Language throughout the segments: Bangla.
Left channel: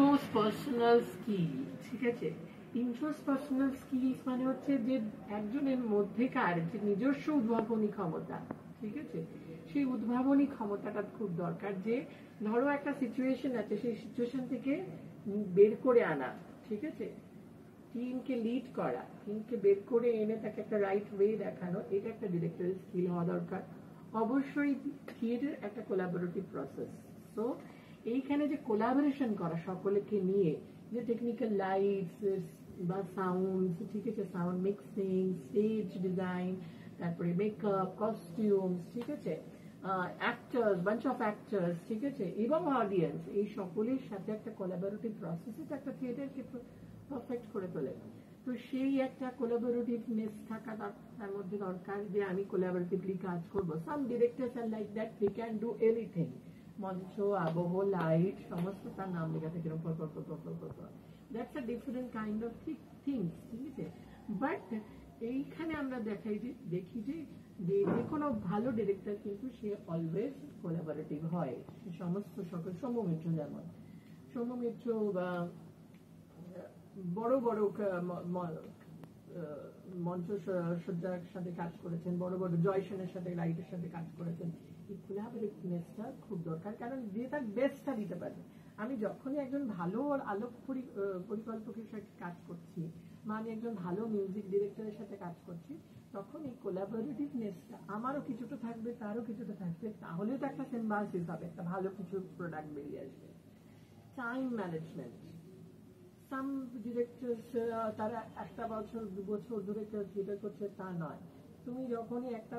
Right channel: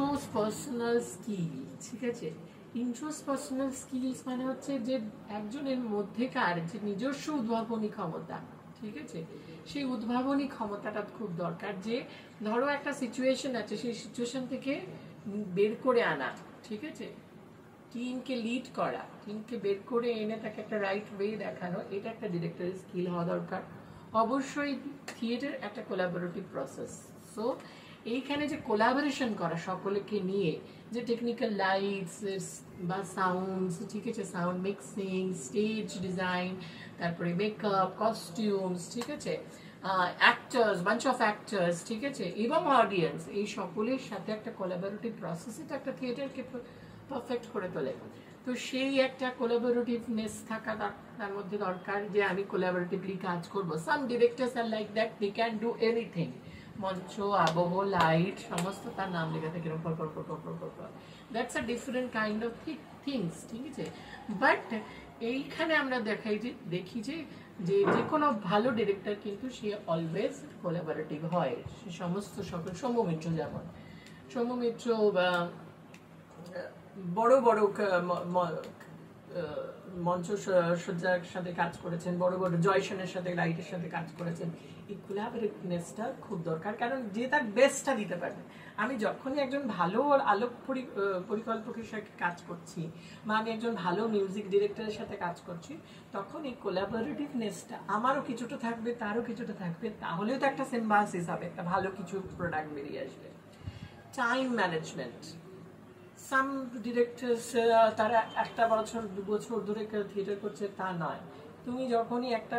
ইন্ট্রোস পার্সোনাল স্কিল, ঠিক আছে? ইন্ট্রোস পার্সোনাল স্কিলস মানে হচ্ছে যে একজনের মধ্যেকার যে নিজস্ব উদ্ভাবনী ক্ষমতা, ঠিক আছে? সেই উদ্ভাবনী ক্ষমতাটা খুব দরকার। যে ধরো একটা সিচুয়েশন আছে, সেই সিচুয়েশন থেকে বের করে আনা, ঠিক আছে? টিমকে লিড করা, টিমকে বের করে এনে তাকে একটা রাইট ওয়ে দেখানো, এটা একটা ডিরেক্টরের স্কিল হওয়া দরকার। অবশ্যই থিয়েটার একটা কোলাবোরেটিভ প্রসেস। সো এইখানে যে কোলাবোরেশন করা সকলকে নিয়ে, যে টেকনিক্যাল লাইটস বা সাউন্ডস, ঠিক আছে, সাউন্ড মিক্সিং, স্টেজ ডিজাইন, তারপরে মেকআপ, কস্টিউমস, ঠিক আছে, অ্যাক্টার্স, বাঞ্চ অফ অ্যাক্টার্স, ঠিক আছে, এবং অডিয়েন্স, এই সকলের সাথে একটা কোলাবোরেটিভ প্রসেস, এটা একটা থিয়েটারকে পারফেক্ট করে তোলে। তো সেই একটা কোলাবোরেটিভনেস থাকা তার মধ্যে দরকার, যে আমি কোলাবোরেটিভলি কাজ করব। Some directors are like that, they can do anything, মঞ্চ, আবহ, লাইট, সমস্ত তার নাম লেখা থাকে এরকম পর। That's a different kind of things, ঠিক আছে? বাট এইখানে আমরা দেখি যে যে কোনো ভালো ডিরেক্টর কিন্তু সে অলওয়েজ কোলাবোরেটিভ হয়। সে সমস্ত সকল সৌম্য মিত্র, যেমন সৌম্য মিত্র বা বড় বড় মঞ্চ সজ্জার সাথে কাজ করেছেন, বড় বড় জয়সনের সাথে, লাইটের সাথে কাজ করেছেন। এই কোলাবোরেটিভনেসটা খুব দরকার, কারণ যে তার বেস্টটা দিতে পারবে। আমি যখনই একজন ভালো আলোক পরিকল্পকের সাথে কাজ করছি, বা আমি একজন ভালো মিউজিক ডিরেক্টরের সাথে কাজ করছি, তখন এই কোলাবোরেটিভনেসটা আমারও কিছুটা থাকবে, তারও কিছুটা থাকবে, তাহলেও তো একটা সিম্বায়োসিস হবে, একটা ভালো কিছু প্রোডাক্ট বেরিয়ে আসবে। টাইম ম্যানেজমেন্ট, সাম ডিরেক্টরস তারা একটা বছর 2 বছর ধরে থিয়েটার করছে, তা নয়। তুমি যখনই একটা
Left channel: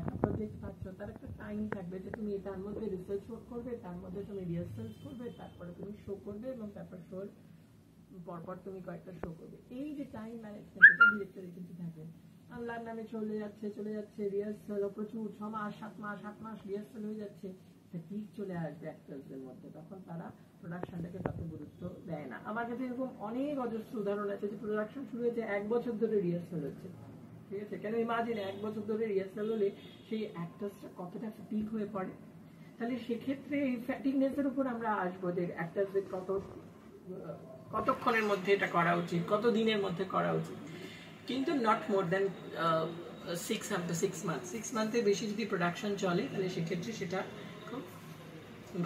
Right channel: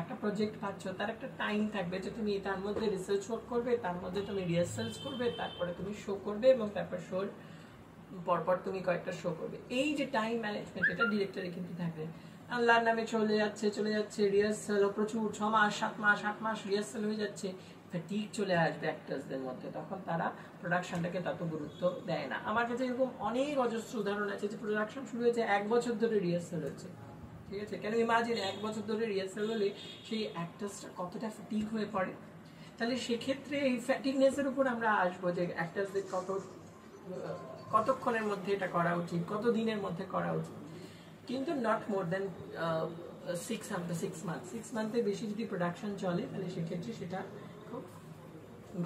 একটা প্রজেক্ট পাচ্ছ, তার একটা টাইম থাকবে যে তুমি তার মধ্যে রিসার্চ ওয়ার্ক করবে, তার মধ্যে তুমি রিহার্সালস করবে, তারপরে তুমি শো করবে, এবং তারপর শোর পরপর তুমি কয়েকটা শো করবে। এই যে টাইম ম্যানেজমেন্ট, এটা ডিরেক্টরে কিন্তু থাকবে। আল্লাহর নামে চলে যাচ্ছে রিহার্সাল প্রচুর, 6 মাস 7 মাস 8 মাস রিহার্সাল হয়ে যাচ্ছে, ফ্যাটিগ চলে আসবে অ্যাক্টার্সদের মধ্যে, তখন তারা প্রোডাকশনটাকে তত গুরুত্ব দেয় না। আমার কাছে এরকম অনেক অজস্র উদাহরণ আছে যে প্রোডাকশন শুরু হয়েছে 1 বছর ধরে রিহার্সাল হচ্ছে, ঠিক আছে? কেন ইমাজিন 1 বছর ধরে রিহার্সাল হলে সেই অ্যাক্টার্সটা কতটা ফ্যাটিগ হয়ে পড়ে। তাহলে সেক্ষেত্রে এই ফ্যাটিগনেসের উপর আমরা আসবো, যে অ্যাক্টার্সদের কতক্ষণের মধ্যে এটা করা উচিত, কত দিনের মধ্যে করা উচিত, কিন্তু নট মোর দ্যান 6 মান্থ। 6 মান্থের বেশি যদি প্রোডাকশন চলে, তাহলে সেক্ষেত্রে সেটা খুব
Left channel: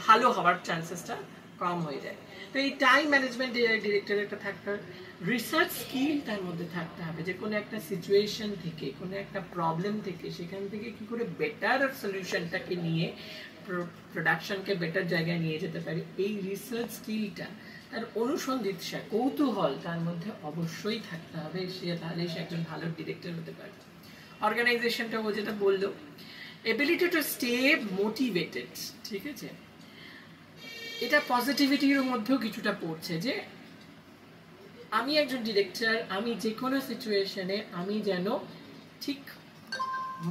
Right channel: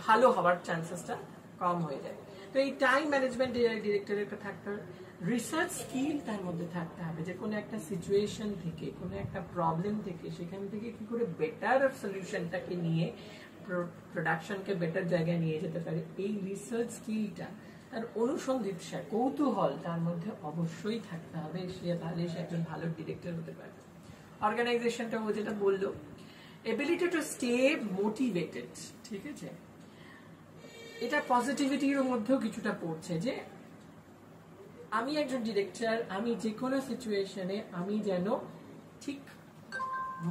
ভালো হওয়ার চান্সেসটা কম হয়ে যায়। তো এই টাইম ম্যানেজমেন্ট ডিরেক্টরের একটা থাকতে হবে, রিসার্চ স্কিল তার মধ্যে থাকতে হবে, যে কোনো একটা সিচুয়েশন থেকে, কোনো একটা প্রবলেম থেকে, সেখান থেকে কি করে বেটার সলিউশনটাকে নিয়ে প্রোডাকশনকে বেটার জায়গায় নিয়ে যেতে পারে, এই রিসার্চ স্কিলটা, তার অনুসন্ধিৎসা, কৌতূহল তার মধ্যে অবশ্যই থাকতে হবে। তাহলে সে একজন ভালো ডিরেক্টর হতে পারে। অর্গানাইজেশনটা ও যেটা বললো, এবিলিটি টু স্টে মোটিভেটেড, ঠিক আছে, এটা পজিটিভিটির মধ্যেও কিছুটা পড়ছে, যে আমি একজন ডিরেক্টর, আমি যে কোনো সিচুয়েশনে আমি যেন ঠিক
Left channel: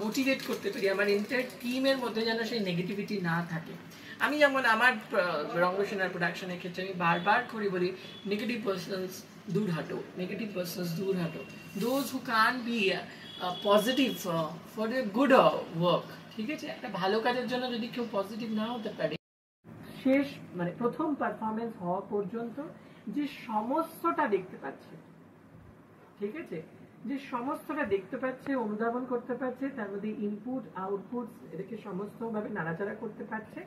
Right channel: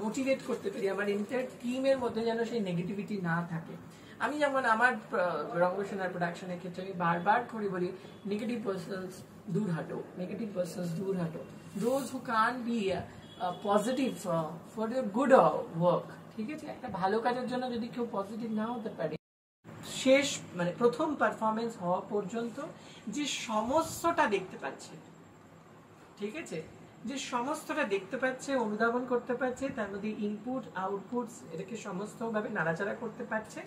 মোটিভেট করতে পারি, আমার এন্টায়ার টিমের মধ্যে যেন সেই নেগেটিভিটি না থাকে। আমি যেমন আমার রঙ্গসেনার প্রোডাকশনের ক্ষেত্রে আমি বারবার করে বলি, নেগেটিভ পার্সনস দূর হাঁটো, those who can be positive for a good work, ঠিক আছে? একটা ভালো কাজের জন্য যদি কেউ পজিটিভ না হতে পারে, শেষ মানে প্রথম পারফরমেন্স হওয়া পর্যন্ত যে সমস্তটা দেখতে পাচ্ছে, ঠিক আছে, যে সমস্তটা দেখতে পাচ্ছে, অনুধাবন করতে পারছে, তার মধ্যে ইনপুট আউটপুটস এটাকে সমস্তভাবে নাড়াচাড়া করতে পারছে,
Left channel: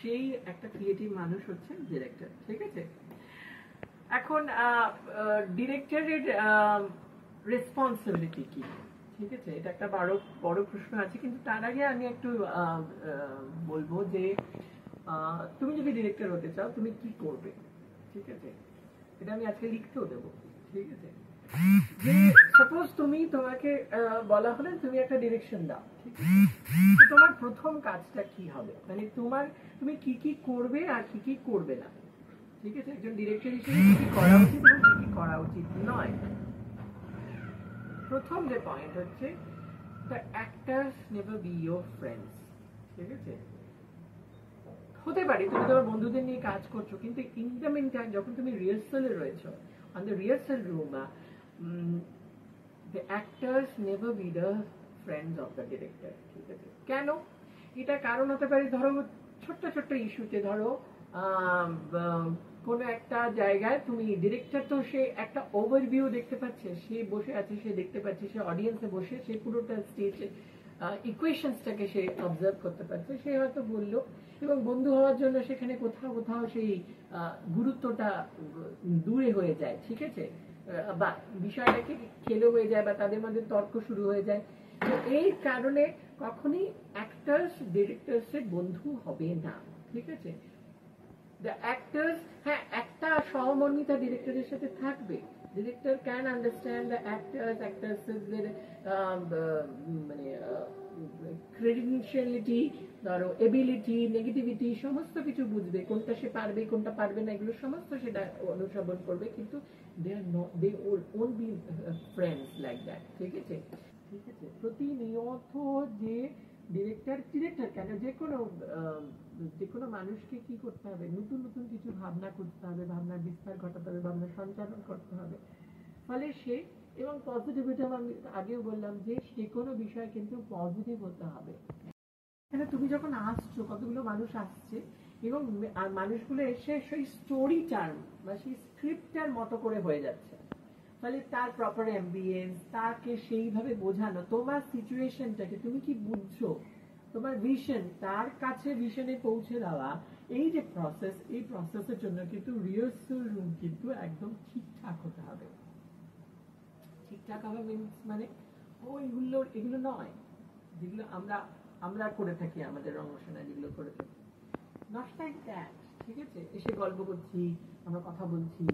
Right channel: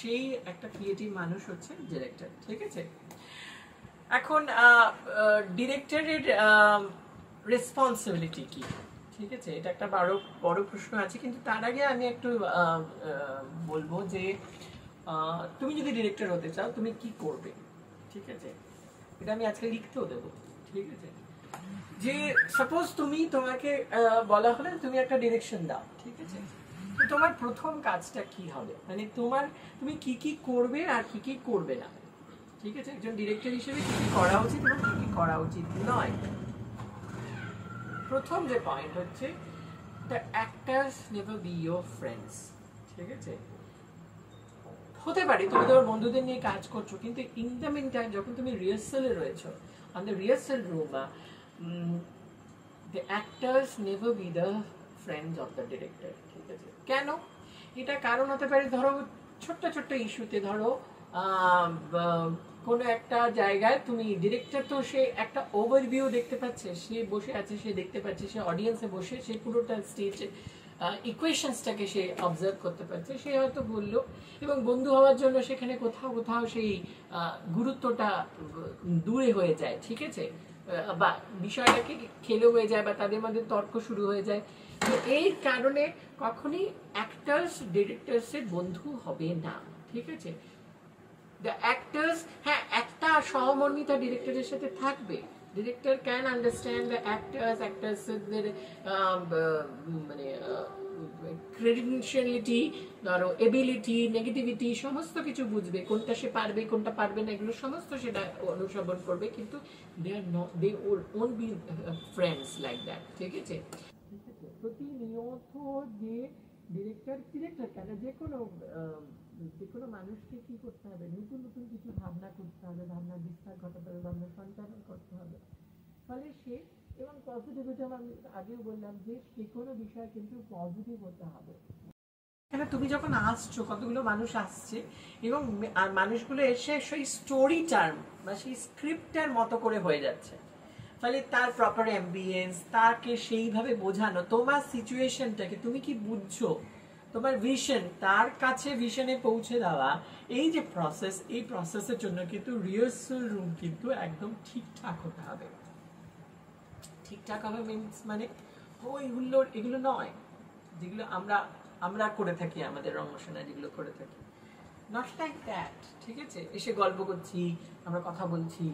সেই একটা ক্রিয়েটিভ মানুষ হচ্ছে ডিরেক্টর, ঠিক আছে? এখন ডিরেক্টরের রেসপন্সিবিলিটি কি, ঠিক আছে? এটা একটা বড় প্রশ্ন আছে, কিন্তু তার আগে আমি একটু বলবো যে তুমি যদি ডিরেক্টর হতে চাও, তুমি কি করবে, ঠিক আছে? এটা আমি আজকে লিখতেও দেবো, ঠিক আছে? যে সাপোজ তোমাকে বলা হলে তুমি একটা ডিরেকশন দাও, ঠিক আছে? তো তোমার প্রথম কাজটা কি হবে, মানে তুমি কি করবে আর কি করবে না, ঠিক আছে? একজন ডিরেক্টর হিসেবে কি করা উচিত এবং কি করা উচিত নয়। প্রথম যে পয়েন্ট হচ্ছে, the actors never be your friends, ঠিক আছে? হতে পারে তুমি তোমার বন্ধুদের নিয়ে কাজ করছো, কিন্তু ইন দ্য মিন টাইম যখন তুমি রিহার্সালে রয়েছো, on the rehearsal room, the actors never be the friends of the director, ঠিক আছে? কেন? এটা কারণ হতে পারে, ধরো ছোট্ট ইস্যুতে, ধরো কোনো একটা জায়গায় তুমি ডিরেক্টর তো সে একটা ওভারভিউ দেখতে পাচ্ছে, সে বসে আছে, সে দেখতে পাচ্ছে, সে অডিয়েন্সে বসে সে পুরোটা স্টেজ ইকুয়েশনসটাকে সে অবজার্ভ করতে পারছে, সে হয়তো বললো, এবং বন্ধু হওয়ার জন্য সেখানে কোথাও কোথাও সেই গুরুত্বটা দূরে হয়ে যায়, ঠিক আছে, বা বিষয়টাকে খেলো হয়ে যায় বা তাদের মধ্যে তর্ক শুরু হয়ে যায়। তো এই কারণে কখনই অ্যাক্টার্স ডিরেক্টরসের বন্ধু হবে না, ঠিক আছে। দ্য অ্যাক্টার্স, হ্যাঁ একটা সহমর্মিতা ডিরেক্টরের সাথে থাকবে, ডিরেক্টর ক্যান আন্ডারস্ট্যান্ড দ্য অ্যাক্টার্সদের মানে ক্রেডেনশিয়ালিটি, ধরো এবিলিটি, নেগেটিভিটি, সমস্ত কিছু বুঝবে, কোনটা সে পারবে কোনটা পারবে না এগুলো সমস্ত সেটা অনুসরণ করবে, কিন্তু they won't be friends like that, ঠিক আছে। ঠিক আছে, প্রতিনিয়ত যে ডিরেক্টর কেন যে কোনো মানুষকে কি করতে হবে, নতুন নতুন কিছু ভাবনা করতে হবে, ভাবনার বিস্তার ঘটাতে হবে, ভাবনা সঞ্চালন করতে হবে, ফলে সে, এবং পজিটিভিটি আমি আগেও বললাম যে যে কোনো বিষয় কিন্তু পজিটিভ হতে হবে। কেন তুমি যখন আসছো, কতগুলো মানুষ আসছে এবং মানুষগুলো এসে সেই স্টোরি টার্ম বা সেই স্ক্রিপ্টের মতো করে হয়ে যাচ্ছে, ফলে তার প্রপার অ্যাম্বিয়েন্স, তাকে সেইভাবে বোঝানো, তোমার সিচুয়েশনটাকে তুমি কি বুঝছো, তোমার ভিশন তার কাছে ভিশনে পৌঁছে দেওয়া, এই যে প্রসেস, এই প্রসেসের জন্য কিন্তু রিহার্সাল রুম কিন্তু একদম ঠিকঠাক হতে হবে। ঠিকঠাক হবে মিনস মানে ওই হুল্লোড় এগুলো নয় যেগুলো আমরা করে থাকি, আমাদের রঙসেনা যেগুলো করে থাকি, নট লাইক দ্যাট, ঠিক আছে। এসে গল্প করছি, আমরা কথা বলছি,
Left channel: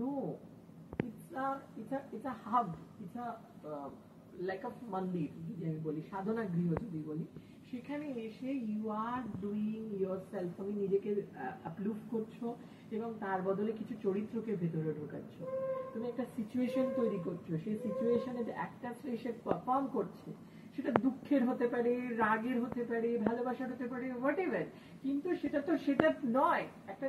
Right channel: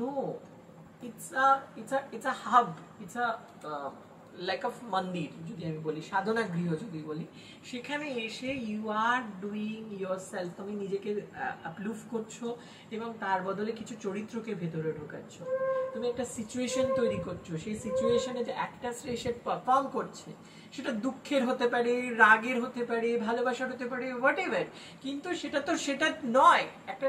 no, it's a hub, it's a like of মন্দির যদি আমি বলি, সাধনা গৃহ যদি বলি, সেখানে এসে you are doing yourself, তুমি নিজেকে আপলুফ করছো এবং তার বদলে কিছু চরিত্রকে ভেতরে ঢোকাচ্ছ, তুমি একটা সিচুয়েশন তৈরি করছো, সেই সিচুয়েশনে যে অ্যাক্টার্সরা এসে পারফর্ম করছে, সেটা দুঃখের হতে পারে, রাগের হতে পারে, ভালোবাসার হতে পারে, হোয়াট এভার, কিন্তু সেটা নয় একটা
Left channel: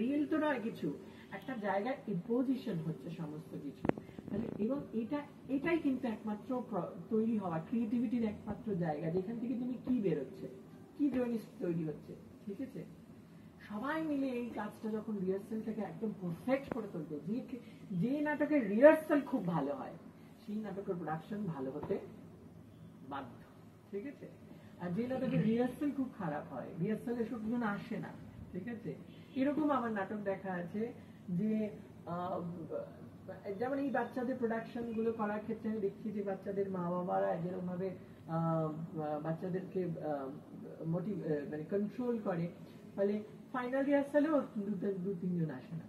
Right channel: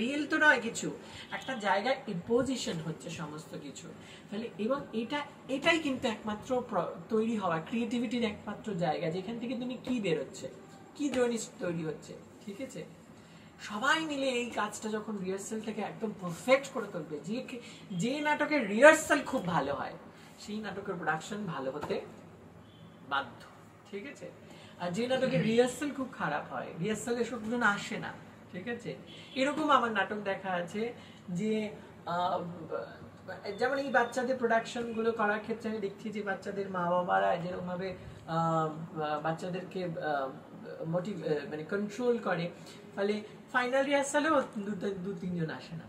রিয়েল তো নয় কিছু, একটা জায়গায় ইম্পোজিশন হচ্ছে সমস্ত কিছু, তাহলে এবং এটাই কিন্তু একমাত্র তৈরি হওয়া ক্রিয়েটিভিটির একমাত্র জায়গা, যেখান থেকে তুমি কি বেরোচ্ছে, কি জিনিস তৈরি হচ্ছে, ঠিক আছে। সবাই মিলে এই কাজটা যখন রিহার্সালটাকে একদম পারফেক্ট করে তুলবে, যে নাটকের রিহার্সাল খুব ভালো হয় সেই নাটকের প্রোডাকশন ভালো হতে বাধ্য, ঠিক আছে। আর যে নাটকের রিহার্সাল খুব খারাপ হয়, রিহার্সালে লোকজন আসে না, ঠিক আছে। এরকম আমার নাটক দেখা আছে যে যেমন এই বাচ্চাদের প্রোডাকশন গুলো করার ক্ষেত্রে আমি দেখছি যে বাচ্চাদের মা বাবারা যেরকম ভাবে বাচ্চাদেরকে মানে কন্ট্রোল করে, ফলে ফাইনাল রিহার্সালেও দু তিনজন আসে না,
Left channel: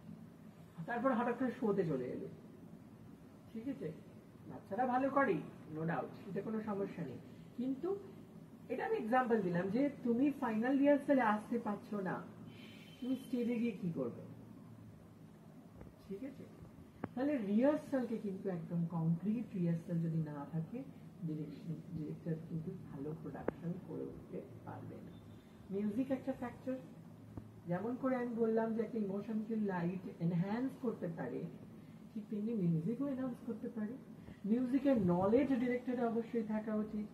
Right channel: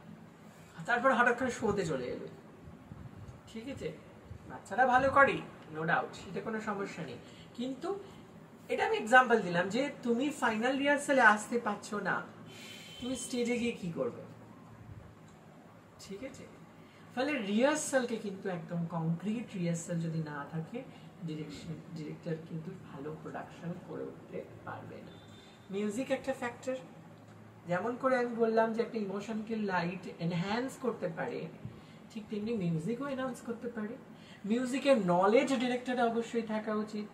তারপর হঠাৎ করে শোতে চলে এলো, ঠিক আছে। বাচ্চারা ভালো করে, নো ডাউট, সেটা কোনো সমস্যা নেই, কিন্তু এটা আমি এক্সাম্পল দিলাম যে তুমি ফাইনাল রিহার্সালে আসতে পারছো না, তুমি স্টেজে গিয়ে কি করবে, ঠিক আছে। ফলে রিহার্সালকে কিন্তু একদম কংক্রিট রিহার্সাল যদি না থাকে, ডিরেক্টর কিন্তু ভালো প্রোডাকশন করে উঠতে পারবে না। মিউজিক একটা ফ্যাক্টর, যেমন করে আমি বললাম যে একটা ইমোশনকে লাইট এনহ্যান্স করতে পারে, ঠিক তেমনি মিউজিকও এনহ্যান্স করতে পারে। মিউজিকের নলেজ ডিরেক্টরের অবশ্যই থাকা উচিত,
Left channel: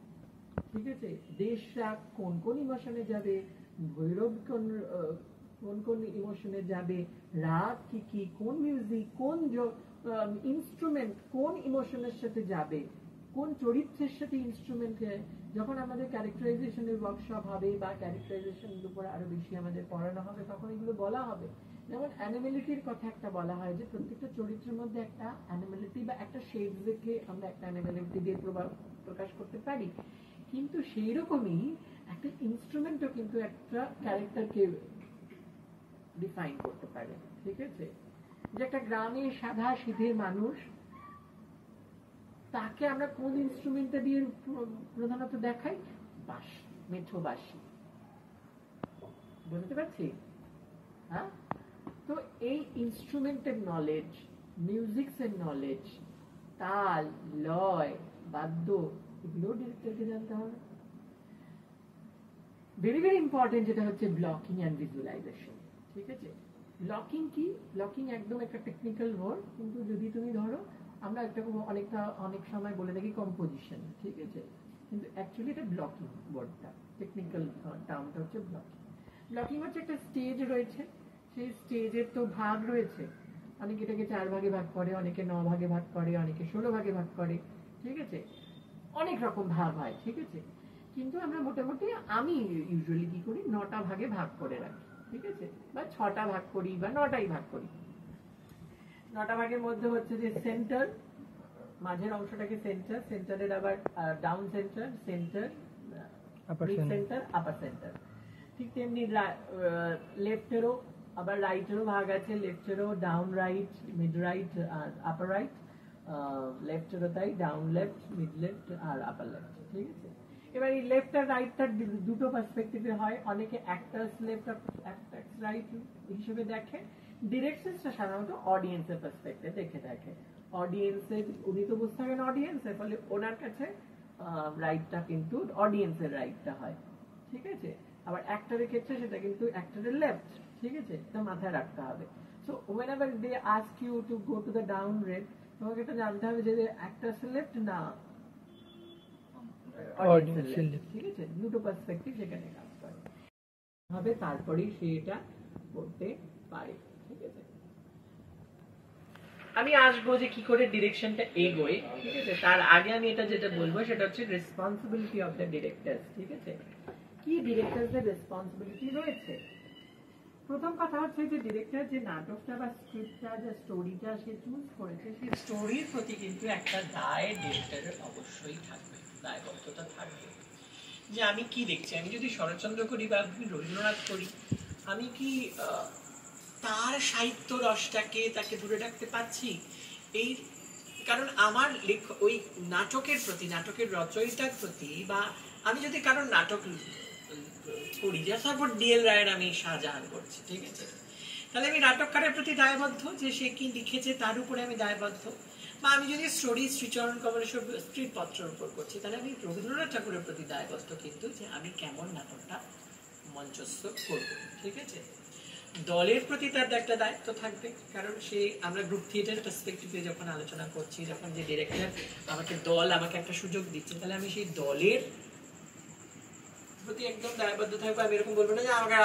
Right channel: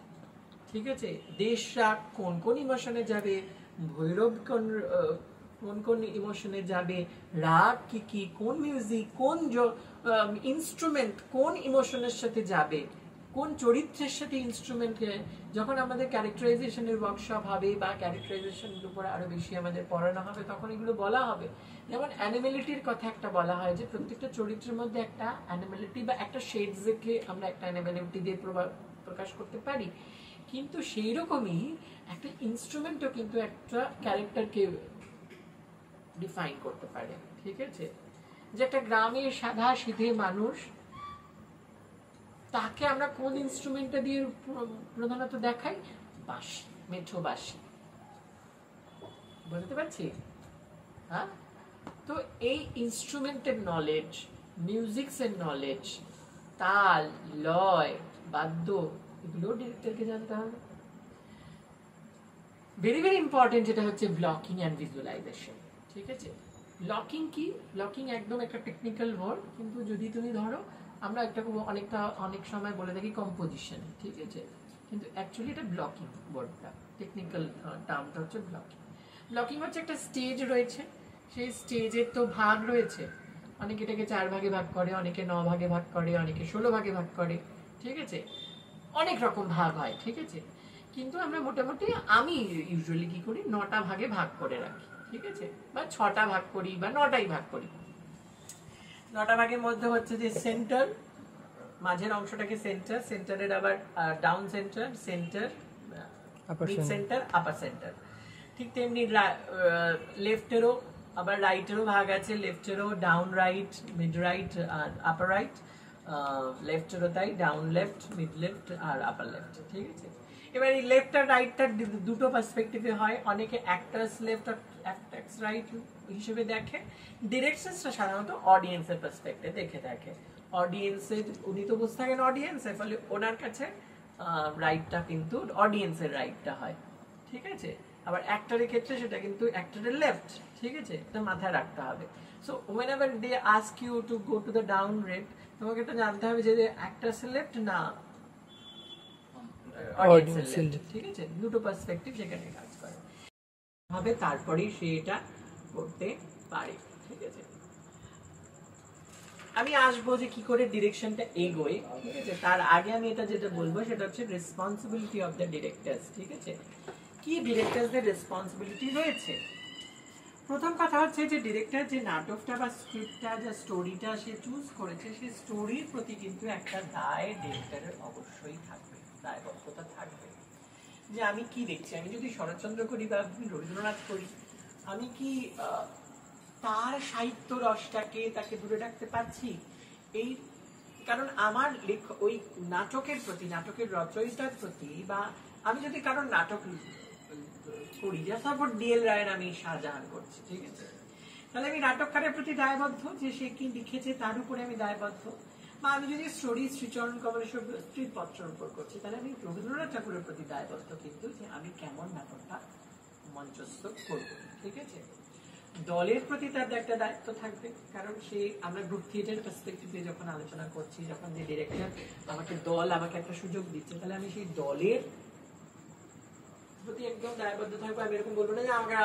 ঠিক আছে। দেশরা কোন কোন ইমোশনে যাবে, ভৈরব কোন ইমোশনে যাবে, রাগ কি, কোন মিউজিক, কোন ইনস্ট্রুমেন্ট কোন ইমোশনের সাথে যাবে, কোন চরিত্রের সাথে ইনস্ট্রুমেন্ট। যখন আমাদের ক্যারেক্টারাইজেশনের ওয়ার্কশপ হবে বা ক্যারেক্টারাইজেশনের উপরে আরো বেশি আমাদের পড়ানো হবে, তখন এগুলো বলা হবে। যেমন অ্যানিমেলিটির কথা একটা বলা হয় যে প্রত্যেকটা চরিত্রের মধ্যে একটা অ্যানিমেলিটি বা একটা শেডস দেখে আমরা একটা অ্যানিমেলিটি দিয়ে প্রকাশ করতে পারি, কিন্তু সেই রকমই একটা ইনস্ট্রুমেন্টও কিন্তু একটা ক্যারেক্টারকে ডিফাইন করতে পারে, ঠিক আছে। যে একটা গ্রামের সাদা সিধে মানুষ, তাকে আমরা কোন ইনস্ট্রুমেন্টটা দিয়ে প্রধানত দেখাই, বাঁশি, মেঠো বাঁশি, বুঝতে পারছি, হ্যাঁ। তো এই ইনস্ট্রুমেন্টের নলেজ, মিউজিক্সের নলেজ, তাল, লয়, বাদ্য, এগুলো ডিরেক্টরকে জানতে হবে। ভেরি ভেরি ইম্পর্টেন্ট যেটা হচ্ছে ব্লকিং অ্যান্ড ভিজুয়ালাইজেশন, ঠিক আছে। ব্লকিং কি, ব্লকিং একদম একটা টেকনিক্যাল ওয়ার্ড, কিন্তু যদি তুমি ধরো আমরা অনেক সময় বলে থাকি কম্পোজিশন, ঠিক আছে, কিন্তু অ্যাকচুয়ালি এটা ব্লকিং ওয়ার্ডটা, টেকনিক্যাল টার্মটা হচ্ছে ব্লকিং। ব্লকিং হচ্ছে একটা স্টেজ রয়েছে, সেই স্টেজের তো ভাগ রয়েছে, অনেকে এটাকে 4 ভাগে ভাগ করে, অনেকে 9 ভাগে ভাগ করে, অনেকে 16 ভাগে ভাগ করে, ঠিক আছে, অনেক রকম ভাগ হয়, ঠিক আছে। কিন্তু আমরা মোটামুটি আমি ইউজুয়ালি কি করি 9টা ভাগে ভাগ করে রাখি, ঠিক আছে, বা 6টা ভাগ করি বা 9টাই ভাগ করি। 9টা ভাগের মধ্যে হচ্ছে যে সেন্টার, মাঝের অংশটাকে সেন্টার, সেন্টারের আবার down centre, centre, mid centre, upper centre. ঠিক তেমনি লেফটেরও আবার রাইটেরও ভাগ আছে, লেফটেরও ডাউন রাইট, মিড রাইট আর আপার রাইট, লেফটেরও তাই, ডাউন লেফট, মিড লেফট আর আপার লেফট, ঠিক আছে। এবার এই লেফট আর রাইটটা দুটো পার্সপেক্টিভে হয়, অনেকে অ্যাক্টার্স লেফট আর অ্যাক্টার্স রাইট হিসেবে দেখে, ডিরেক্টরসটা সাধারণত অডিয়েন্সের পার্সপেক্টিভে দেখে থাকে। অডিয়েন্সের উনি তো বসে থাকেন অডিয়েন্সের, ফলে ওনার কাছে রাইটটা কিন্তু অডিয়েন্সের রাইটটা হয়, ঠিক আছে। আবার অ্যাক্টরের ক্ষেত্রে সেটা কিন্তু অ্যাক্টরের লেফট, ঠিক আছে, এটা মাথায় রাখতে হবে। So whenever they ask you to go to the down rate, তোমাকে তো জানতে হবে যে অ্যাক্টরসের লেফট না অডিয়েন্সের লেফট, ঠিক আছে, দুটো পার্সপেক্টিভ সেখানে কাজ করে হবে, তারপরেই সে এটা করতে পারে, ঠিক আছে। আমি আসবো যে কি করে ডিরেকশনটা এগোয়, ঠিক আছে। তার আগে আমি এটা যেটা বলবো সেটা হচ্ছে রেসপন্সিবিলিটি অফ দ্য ডিরেক্টরস, ঠিক আছে। কি ডিরেক্টরসদের রেসপন্সিবিলিটি রয়েছে? প্রথম কথা হচ্ছে যে ডিরেক্টর যে নাটকটা বা স্ক্রিপ্টটা, যে স্টোরিটা সে চুজ করেছে, সেই স্টোরির প্রতি কিন্তু একটা দায় ডিরেক্টরের অবশ্যই থাকবে, দায়বদ্ধতা থাকবে। যে আমি কি দেখছি, আমি যদি শরৎচন্দ্র করি বা রবীন্দ্রনাথ করি, আমি কি তার সাহিত্য রসটাকে তাকে ধরে রাখতে পারছি? এই কারণ আমার ওই নাটকের প্রতি, নাটকের রচয়িতার প্রতি, বা আমি যদি কারণ নাটক করি, যা সাপোর্ট ডিএল রায়ের আমি শাহজাহান করছি, ঠিক আছে, তাহলে আমি নাটককারের প্রতি দায়বদ্ধ, যে সে কি লিখেছে তার উপরে আমি দায়বদ্ধ। বা আমি যদি স্টোরি শ্রীচরণ কমলের স্ত্রীর পত্রের উপর করছি, তাহলে আমি রবীন্দ্রনাথ ঠাকুরের প্রতি দায়বদ্ধ, কিন্তু যে আমি কেমন নাটকটা মঞ্চস্থ করব, ঠিক আছে। দলের প্রতি তার একটা দায়িত্ব থাকবে, কারণ সে, আমরা গ্রুপ থিয়েটার পার্সপেক্টিভে যখন আলোচনা করছি, যখন যে ডিরেক্টর আমাকে দল আমাকে একটা সুযোগ দিচ্ছে, তাহলে আমি সেই দলের প্রতি একদম দায়বদ্ধ থাকবো। আমি এরকম বলবো না যে আমাকে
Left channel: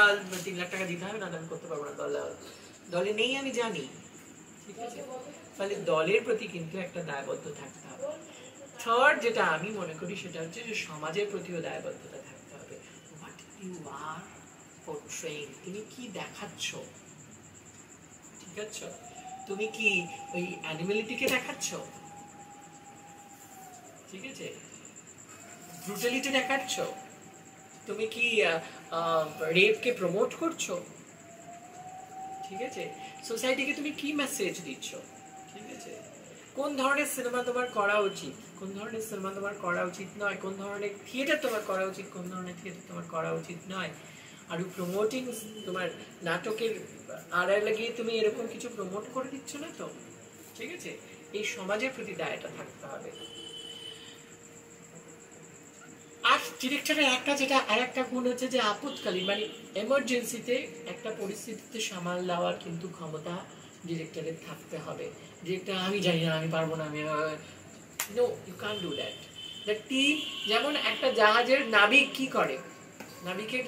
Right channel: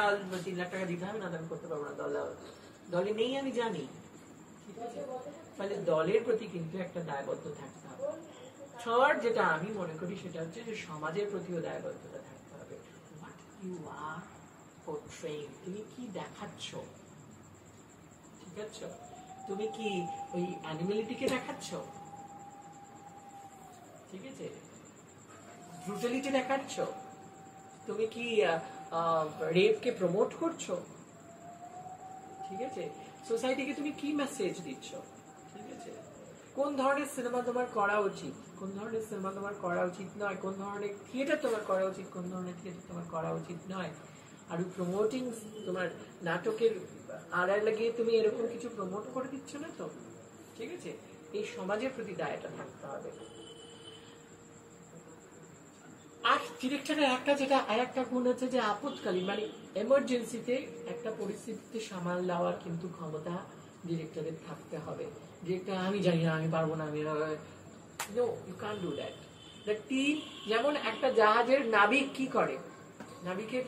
3 লাখ টাকা দিতে হবে, না আমি করতে পারবো না, দলে নেই আমি জানি, ঠিক আছে। ফলে দলের প্রতি কিন্তু একটা দায়বদ্ধ থাকতে হবে। থার্ড যেটা আমি মনে করি সেটা হচ্ছে যে সমাজের প্রতিও দায়বদ্ধতা থাকতে হবে। হোয়াট ইউ আর পোর্ট্রেইং, তুমি কি দেখাচ্ছ, ঠিক আছে। তুমি কি ওই অ্যানিমালিটিকে দেখাচ্ছ, ঠিক আছে, ব্রুটালিটি দেখাচ্ছ, তুমি কি রেপকে প্রমোট করছো, ঠিক আছে, সোসাইটিকে তুমি কি মেসেজ দিচ্ছ, ঠিক আছে। কোন ধরনের সিনেমা তোমার করা উচিত, কোন ধরনের সিনেমা তোমার করা উচিত নয়, কোন ধরনের থিয়েটার তোমার করা উচিত, কোন ধরনের থিয়েটার তোমার করা উচিত নয়। আর প্রমোটিং, তোমার নাটকের আড়ায় লাগিয়ে তুমি এরকম কিছু প্রমোট করে দিচ্ছ না তো, ঠিক আছে। এই সমাজের প্রতি দায়টা থাকতে হবে। আর ডিরেক্টরের একটা যেটা আর একটা গুণ হচ্ছে যে আপৎকালীন, মানে এমার্জেন্সিতে একটা পরিস্থিতিতে সামাল দেওয়ার কিন্তু ক্ষমতা ডিরেক্টরের থাকতে হবে। ডিরেক্টর আমি জানি না, আমি পারবো না, আমি no, you can do that. The team, যেমন একটা জাহাজের নাবিক কি করে, নাবিকের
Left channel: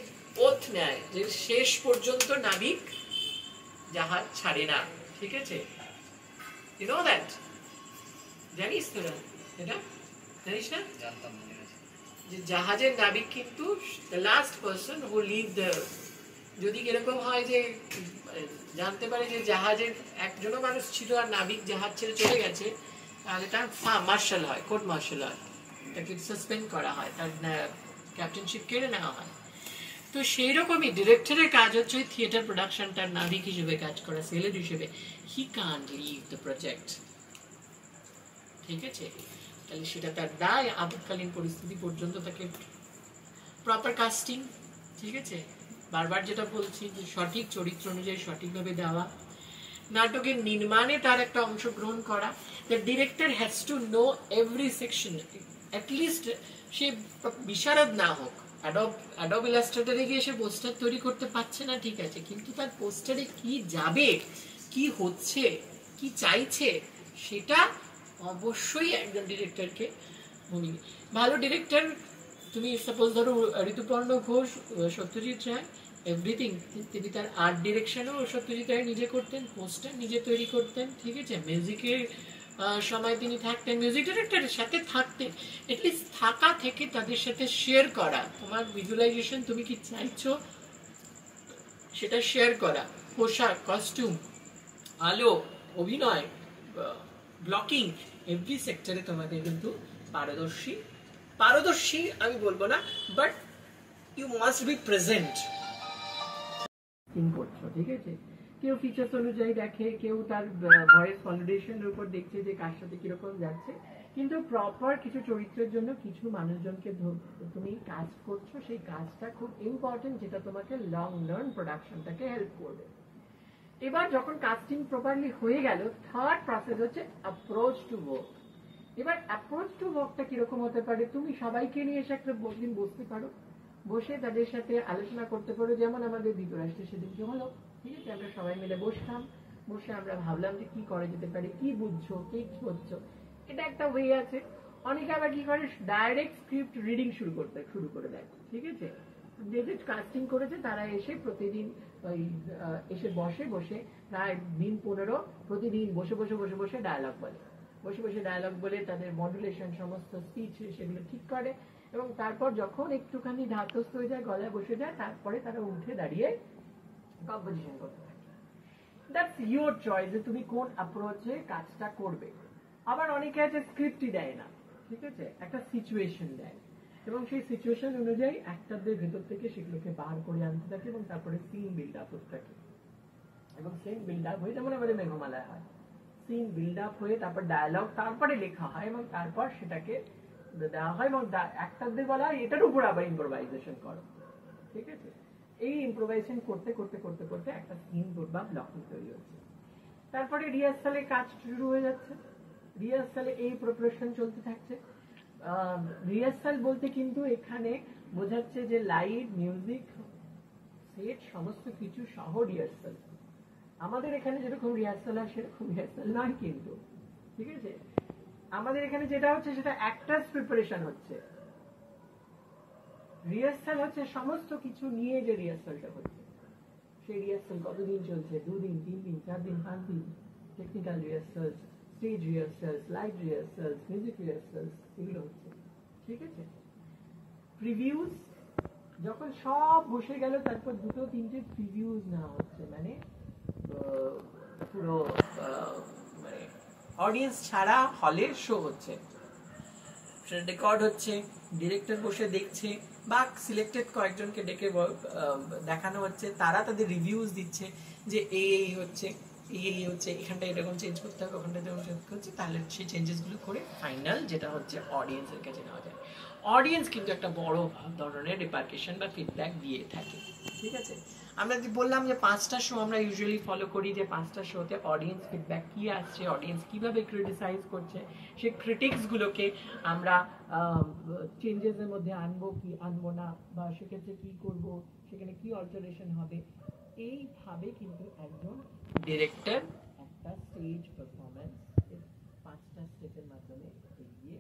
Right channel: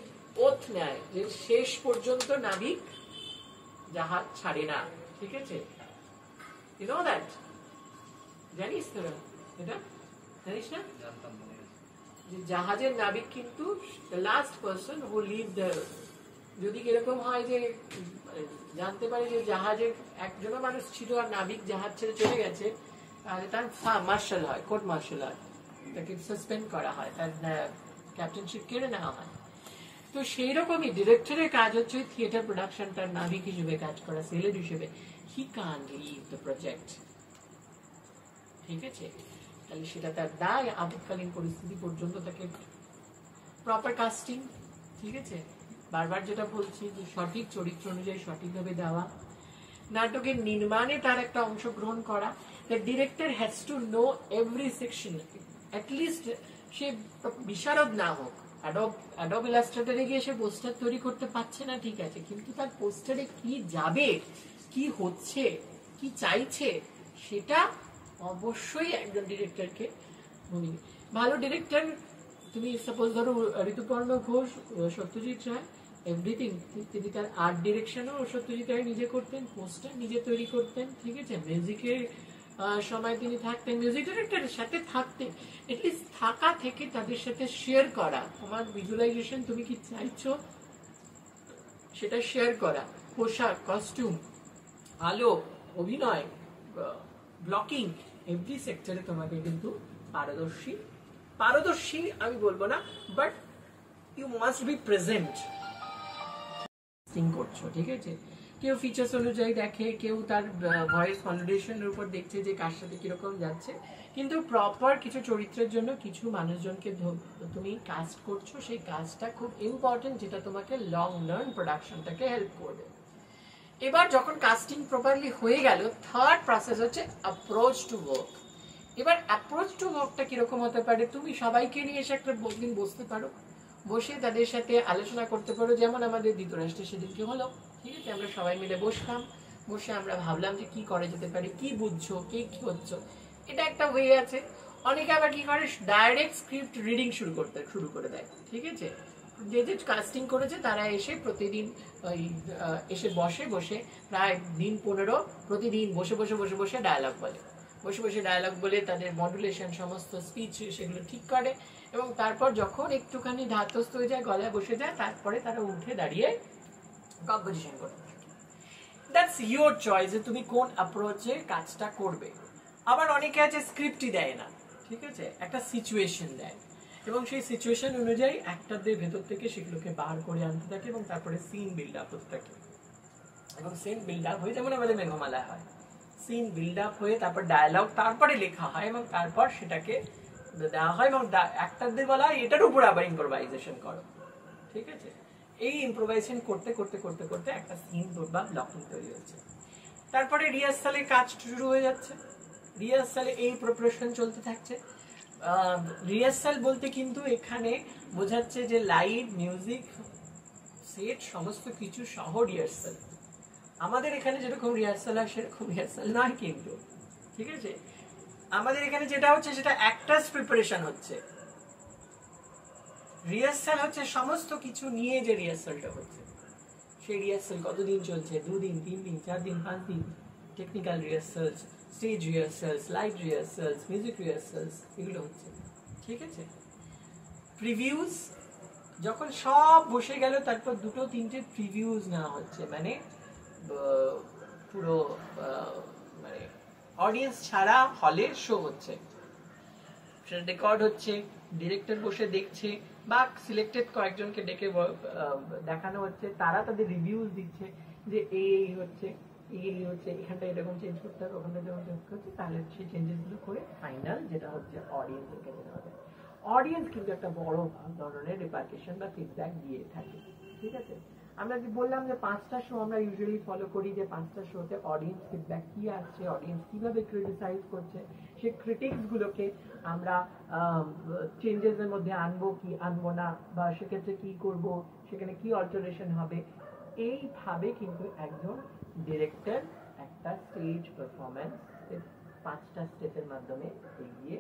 ওথ নেয় যে শেষ পর্যন্ত নাবিক জাহাজ ছাড়ে না, ঠিক আছে, ইউ নো দ্যাট, জানিস তোরা এটা, জানিস না? যে জাহাজের নাবিক কিন্তু the last person who leave the, যদি এরকম হয় যে জানতে পারে যে জাহাজের একজনও মানুষ ছিল আর নাবিক জাহাজ ছেড়ে চলে গেছে, তাহলে তার মার্শাল হয়, কোর্ট মার্শাল হয়, তাকে সাসপেন্ড করা হয়, তার ক্যাপ্টেনশিপ কেড়ে নেওয়া হয়। তো সেই রকমই ডিরেক্টরের কাজ হচ্ছে ওই থিয়েটার প্রোডাকশনটার নাবিক হিসেবে কাজ করা, সেলের হিসেবে। He can't leave the project, ঠিক আছে। তাহলে সেটা তার দায়, আপৎকালীন পরিস্থিতি পর্যন্ত তাকে প্রপার কাস্টিং, ঠিক আছে, বারবার যেটা বলছি যে সঠিক চরিত্র অনুযায়ী সঠিকভাবে দেওয়া, নাটকের নির্মাণে তার একটা অংশগ্রহণ করা। The director has to know every section, at least সে বিশারদ না হোক, অ্যাডোব ইলাস্ট্রেটরে গিয়ে সে পোস্টার তৈরি করতে পারছে না, ঠিক আছে, কিন্তু তার পোস্টারে কি যাবে, কি হচ্ছে, কি চাইছে, সেটা অবশ্যই একজন ডিরেক্টরকে ভূমিকা। ভালো ডিরেক্টর, তুমি সাপোজ ধরো ঋতুপর্ণ ঘোষ, সত্যজিৎ রায়, এভরিথিং। তিনি তার আর্ট ডিরেকশনও সত্যজিৎ রায় নিজে করতেন, পোস্টার নিজে তৈরি করতেন, ঠিক আছে, মিউজিকের সময় তিনি থাকতেন, মিউজিক ডিরেক্টরের সাথে থাকতেন, এটলিস্ট থাকা থেকে তাদের সাথে শেয়ার করা, তোমার ভিজুয়ালাইজেশন তুমি কি চাইছো সেটা শেয়ার করা, পোশাক, কস্টিউম, আলো, অভিনয়, ব্লকিং, এভরি সেক্টরে তোমাদের কিন্তু পারদর্শী আমি বলবো না, but you must be present করছো, ঠিক আছে। কেউ ফিচার্স অনুযায়ী দেখে, কেউ তার ভয়েস মডুলেশনের উপর দেখছে যে কার সাথে কিরকম যাচ্ছে, কিন্তু প্রপার কিছু চরিত্রের জন্য কিছু মানুষজনকে তুমি কাস্ট করছো, সেই কাজটা খুব ইম্পর্টেন্ট, যেটা তোমাকে লং রান প্রোডাকশনটাকে হেল্প করবে। এবার যখন কাস্টিং প্রপারলি হয়ে গেল, থার্ড প্রসেস হচ্ছে অ্যাপ্রোচ টু ওয়ার্ক। এবার অ্যাপ্রোচ টু ওয়ার্কটা কিরকম হতে পারে, তুমি সবাইকে নিয়ে এসে একটা দিন বসতে পারো, বসে তাদের সাথে আলোচনা করতে পারো, যেমন আমাদের ধৃতরাষ্ট্রের সেদিনকে হলো, ঠিক আছে, আমরা সবাই মিলে বসলাম, বসে আমরা ভাবলাম যে কি করা যেতে পারে, কি বুঝছো, কে কি হচ্ছে, এটা একটা ওয়ে আছে। অনেকে আবার কি করে, ডাইরেক্ট স্ক্রিপ্ট রিডিং শুরু করে দেয়, ঠিক আছে। যে যে কাস্টিং করেছে তারা এসে প্রতিদিন ওই এসে বসে প্রায় দিন 15 প্রতিদিন বসে ডায়ালগ বলে তাদের মডুলেশন, সমস্ত স্পিচ সেগুলো ঠিক করে, এবং তারপর যখন একটুখানি ধাতস্থ হয়ে যায়, গলায় বসে যায়, তারপরে তারা উঠে দাঁড়িয়ে কম্পোজিশন করতে থাকে। দ্যাটস ইউর চয়েস যে তুমি কোন অ্যাপ্রোচে কাজটা করবে। আবার অনেকে আছে স্ক্রিপ্টই দেয় না, ঠিক আছে, একটা সিচুয়েশন দেয়, এবং সেই সিচুয়েশন অনুযায়ী অ্যাক্টরদের ভেতর থেকে সেগুলোকে বার করে আনতে থাকে, এবং তারপরে সিন বিল্ড আপ হতে থাকে, এবং সিন বিল্ড আপ হয়ে যেমন আমাদের মেঘমালায় হয়, সিন বিল্ড আপ হয়ে তারপর ডায়ালগ তারপরে লেখা হয়, এবং তারপর সেটাকে দেওয়া হয়, এবং অ্যাক্টরদের বলা হয় এটার উপর আবার ইম্প্রোভাইজেশন করো, ঠিক আছে। এই ইম্প্রোভাইজেশন করতে একটা সিন বা ব্লকিং তৈরি হচ্ছে। তারপরে রিহার্সালের কাজ শুরু হয়ে যাচ্ছে, রিহার্সালে এই প্রিপারেশন চলতে থাকছে। রিহার্সাল বলতে কিন্তু এখানে বোঝাচ্ছে যে লাইট, মিউজিক, সেট সমস্ত কিছু সহ রিহার্সাল। আমাদের এখানে যেরকম রিহার্সাল হয় সেরকম রিহার্সাল নয় কিন্তু, ঠিক আছে। আমাদের এখানে যেটা হচ্ছে সেটা অ্যাক্টার্স প্রিপারেশন হচ্ছে, রিহার্সাল হচ্ছে সমস্ত কিছু নিয়ে যে রিহার্সালটা হচ্ছে, সেই রিহার্সাল কতদিন চলছে, 2 দিন, 3 দিন, 4 দিন, 5 দিন, technical rehearsals, stage rehearsals, light rehearsals, music rehearsals, এগুলো হচ্ছে, ঠিক আছে। প্রিভিউজ যখন সব বসে গেল, তারপর 2-3টে প্রিভিউজ নেওয়া হচ্ছে, মানে পুরো মানে অডিয়েন্স ছাড়া হলে শো হচ্ছে, সেটা রেকর্ড হচ্ছে, ডিরেক্টর বসে দেখছে, বা সিলেক্টেড কয়েকজনকে ডেকে দেখানো হচ্ছে, তারা তাদের রিভিউজ দিচ্ছে যে এই হচ্ছে, এখানটা এরকম চেঞ্জ করতে হবে, ওখানটা এরকম চেঞ্জ করছে, তাহলে সেই চেঞ্জেসগুলো করে ফাইনাল যেটা হচ্ছে অডিয়েন্সের কাছে নেওয়া যায়। অডিয়েন্স কিন্তু একটা বড় ধরনের রিপারকেশন বা ফিডব্যাক দিয়ে থাকে, ঠিক আছে। আমরা যে বললাম যে 5টা শো আমরা ইউজুয়ালি ফলো করি, যে 5টা শোতে অডিয়েন্স ফিডব্যাক কি আসছে, অডিয়েন্স কিভাবে ক্রিটিসাইজ করছে, সেই ক্রিটিক্সগুলোকে আমরা চেঞ্জেসের মধ্যে আনবো কি আনবো না, বা সেক্ষেত্রে কি করব, সেখানে কি অল্টারেশন হবে, এইভাবে কিন্তু একজন ডিরেক্টর একটা স্টেজ পারফরমেন্স 5টা স্টেপের মাধ্যমে এগিয়ে